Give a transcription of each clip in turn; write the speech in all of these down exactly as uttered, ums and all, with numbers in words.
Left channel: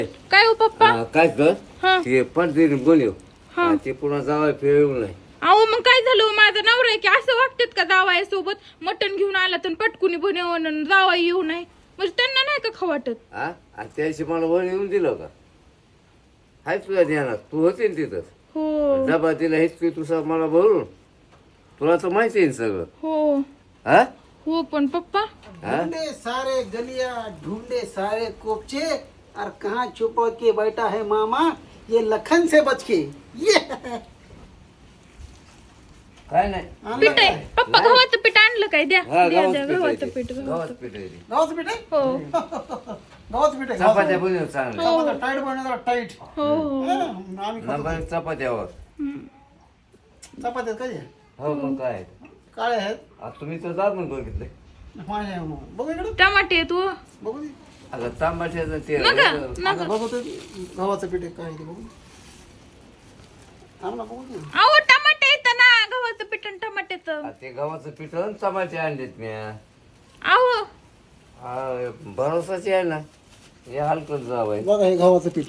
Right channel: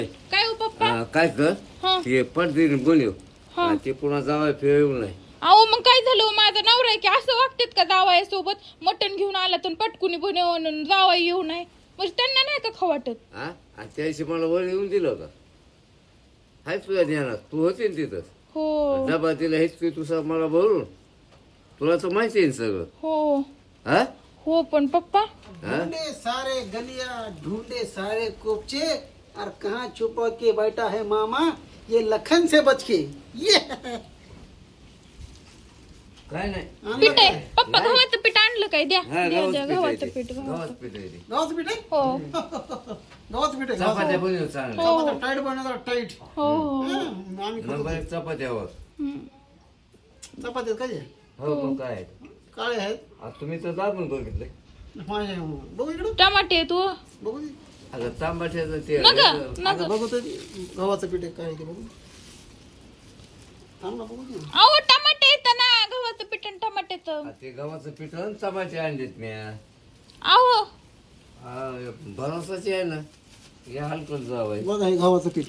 काय हो पप्पा? हा, काय कर हा ते पडदे बोलव हा. हा, ते पुन्हा जावाय फिरवू नाही. अहो मग काय झालं हो, माझा नवरा आहे की असं वागतात का जावाय सोबत मटण घेऊन आला तर पटकुनी बनवून जावाय येऊ नये म्हणजे त्यांना नाही का खाऊ वाटत? हा आणि त्या दिवशी मला वर येऊन दिलं का? हाय तुझ्या ध्यानात तू होते ना तिथं. हो डबा दिला हेच की तुझं मला भरून तुला तर माहिती आहे ना सगळं. हो हा हो पण पप्पा हा? ढूंढे सारे गलिया ढूंढे सारे कोपचे और कहाँ छुपा के बैठा है मामा ये लखन से बच के ये काय नाही पीठ आहे पप्पा, नाही. गव्हाचं पीठ आणलं काय? द्या हा द्या गावात द्या, पीठ आहे गव्हाचं ते. पीठ गावात गव्हाचं पीठ आहे ते. गावाचं पीठ आहे हो गावाचं पीठ आहे चपात्या गावाचं. बनव चांगलं चपात्या टाईट बनवतात टाईट हो हो आम्ही खातो. नंबर चपात्यावर हम्म. चपात्यात कधी हो मग काय काळे आहेत आता तुम्ही तर दाबून बघितलं माझे बघू इकडं टमाटे आहे तू बघू दे. आता तांबाट्याचं ते नग आता नग बघू तर गव्हाचं पीठ आहे काय ते बघू थांब ना बघू दे. अहो टमाटे येतं ना, गव्हाचं पीठ आणि टमाट्याचं. आ, ते गव्हाचं पीठ आणि टमाटे आणलेत मी अहो भरोसाचे आहे ना हे हलकं जावं बघा हे गव्हाचं पीठ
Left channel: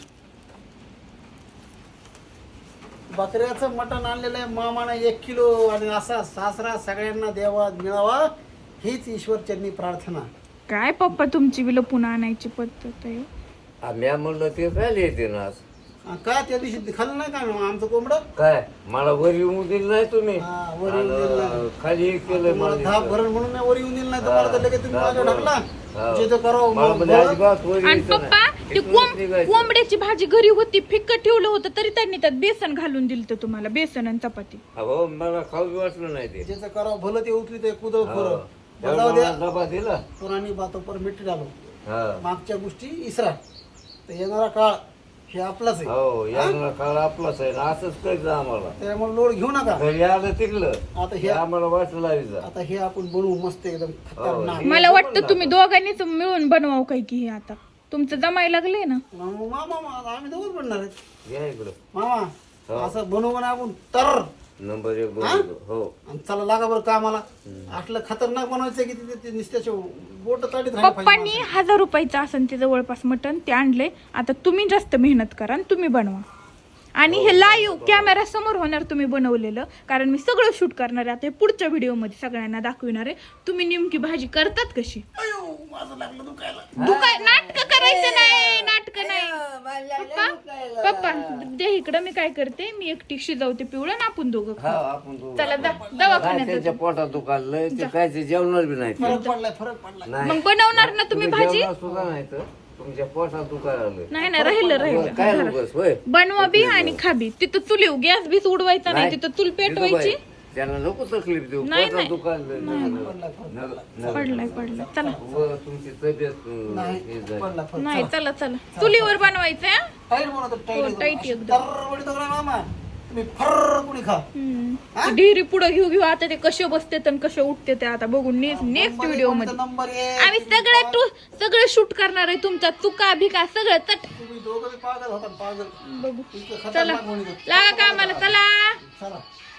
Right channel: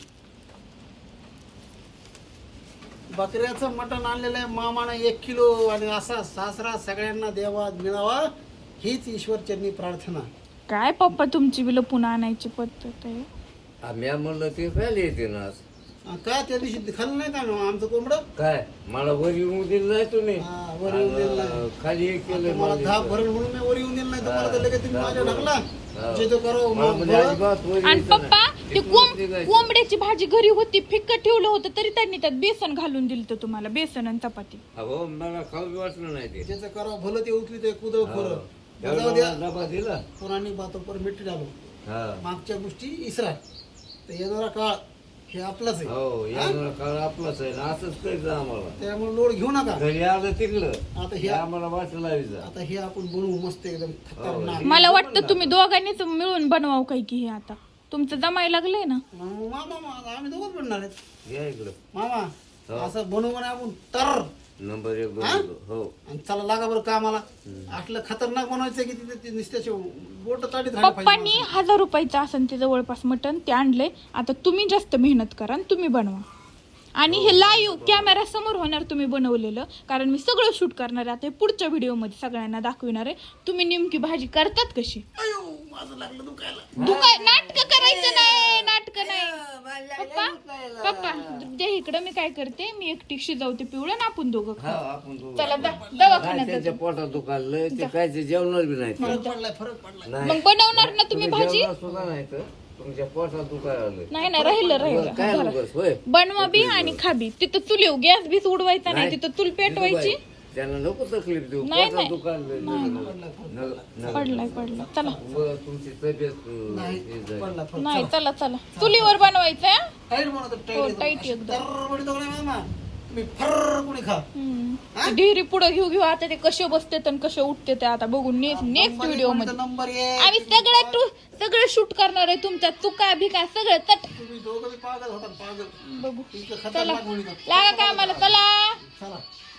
बकऱ्याचं मटण आणलेलं आहे मामानं एक किलो आणि असा सासरा सगळ्यांना द्यावा मिळावा हीच ईश्वरचरणी प्रार्थना. काय पप्पा तुमची बिल पुन्हा आणायची पद्धत आहे? आम्ही म्हणलं ते काय येते ना आज आणि का त्या दिवशी खाल्लं नाही का आमचं कोंबडं काय मला वर येऊन दिलं नाही तुम्ही हा, वर येऊन दिलं नाही. आणि खाली हे केलं मला मला धाप भरण म्हणून मी वर येऊन दिलं नाही तुम्हाला तर लगेच तुम्ही माझ्यावर ढकला हो. जे तो करावं मला मग म्हणजे बरं. अजिबात वर आणि यायचं पप्पा नाही. ते इथूनच कोंब- निघायचं. कोंबड्याची भाजी घरी होती, फिक्क ठेवलं होतं तरी त्यांनी त्यात बेसन घालून दिलं होतं तुम्हाला, बेसन आणि चपाती. अहो मला खाऊ बी वाटलं नाही ते ज्याचं करावं भलं ते उचली ते कुदळ हो. खरं एवढा जाऊ द्या मला डबा दिला पुराणी बातो पर मिठी डालो हा. मागच्या गोष्टी इसरा तर येणारा काळ हे आपलाच आहे हो या काळ आपलाच आहे ना असंच करायचं आम्हाला त्यामुळे लोड घेऊ नका. घरी आलं तिकलं आता हे हे आम्हाला वाटलं लावायचं आता हे आपण बनवू मस्त एकदम खतरनाक. मला वाटतं तुम्ही दोघांनीच मिळून बनवावं काही की हे आता तुमचं जमायला लागलंय ना. मग मामा मामा, आम्ही दोघंच बनणार आहेत या इकडं मामा असं बनवू ना आपण तर नंबर एक हा? दोन हो आणि चला लागा बरं कामाला असलं खतरनाक बनवायचं की तिथे ते नुसत्याचे बोट ताडीत राहायला पप्पांनी पाहिजे. हजार रुपयाचं असेल ते जवळपास मटण ते आणलंय. आता तुम्ही जास्त मेहनत करा आणि तुम्ही बनवा आणि हे लाईव्ह कॅमेरा समोर होणार तुम्ही बनवलेलं, कारण मी सगळं शूट करणार आहे आता हे पुढच्या व्हिडिओ मध्ये सगळ्यांना दाखविणार आहे. तुम्ही नेमकी भाजी करतात कशी? अयो माझं लागलं दुखायला. दुकाय नाटक करायचं नाही, नाटक नाही. पप्पा पप्पा दे इकडं, मी काय करते, मी एकटी शिजवते पिवळं ना आपण दोघं हा खाऊ. आपण दोघं. चला द- नाही, दवाखान्यात त्यांच्या पोटात दुखायलंय ते काय ते जेवणार बी नाही ते. फरक पडलाय फरक पडलाय. नाही मग बनवणार ना तुम्ही तुम्ही भाजी? जेवणार सुद्धा नाही तर तुमच्या पोटात दुखायला आलंय. नाही नाही राहिलं काय राहिलं उगाच होय बनवा बी आणि खाबी. तिथं चुली गॅस बीस उडवायचा नाही, तिथं चूल पेटवायची. जिजूबाई, त्यांना नको तकलीफ देऊ नाही, पोटात नाही. दुखायलंय पडलाय पडलाय चला तुमची तब्येत अं, नाही हे झाली. पडला फरक. नाही चला चला चुलीवर बनवायचं हं? टाईट बनवतो हो, टाईट टाईट एकदम. दरबडी तो मामा तुम्ही फर कुणी खा. हम्म. ढिरी पुढे घेऊ घेऊ आता ते कसे बसते आणि कसे उठते ते आता बघू नेक्स्ट नेक्स्ट नंबर व्हिडिओ एक मध्ये नंबर एक. आम्ही सगळं टू सगळं शूट करणार आहे, तुमचा चुका भिका सगळं चट तुम्ही दोघं बी पागल होता पागल. बघू. तुमचं चला खतरनाक म्हणून लागा कामाला चला. चला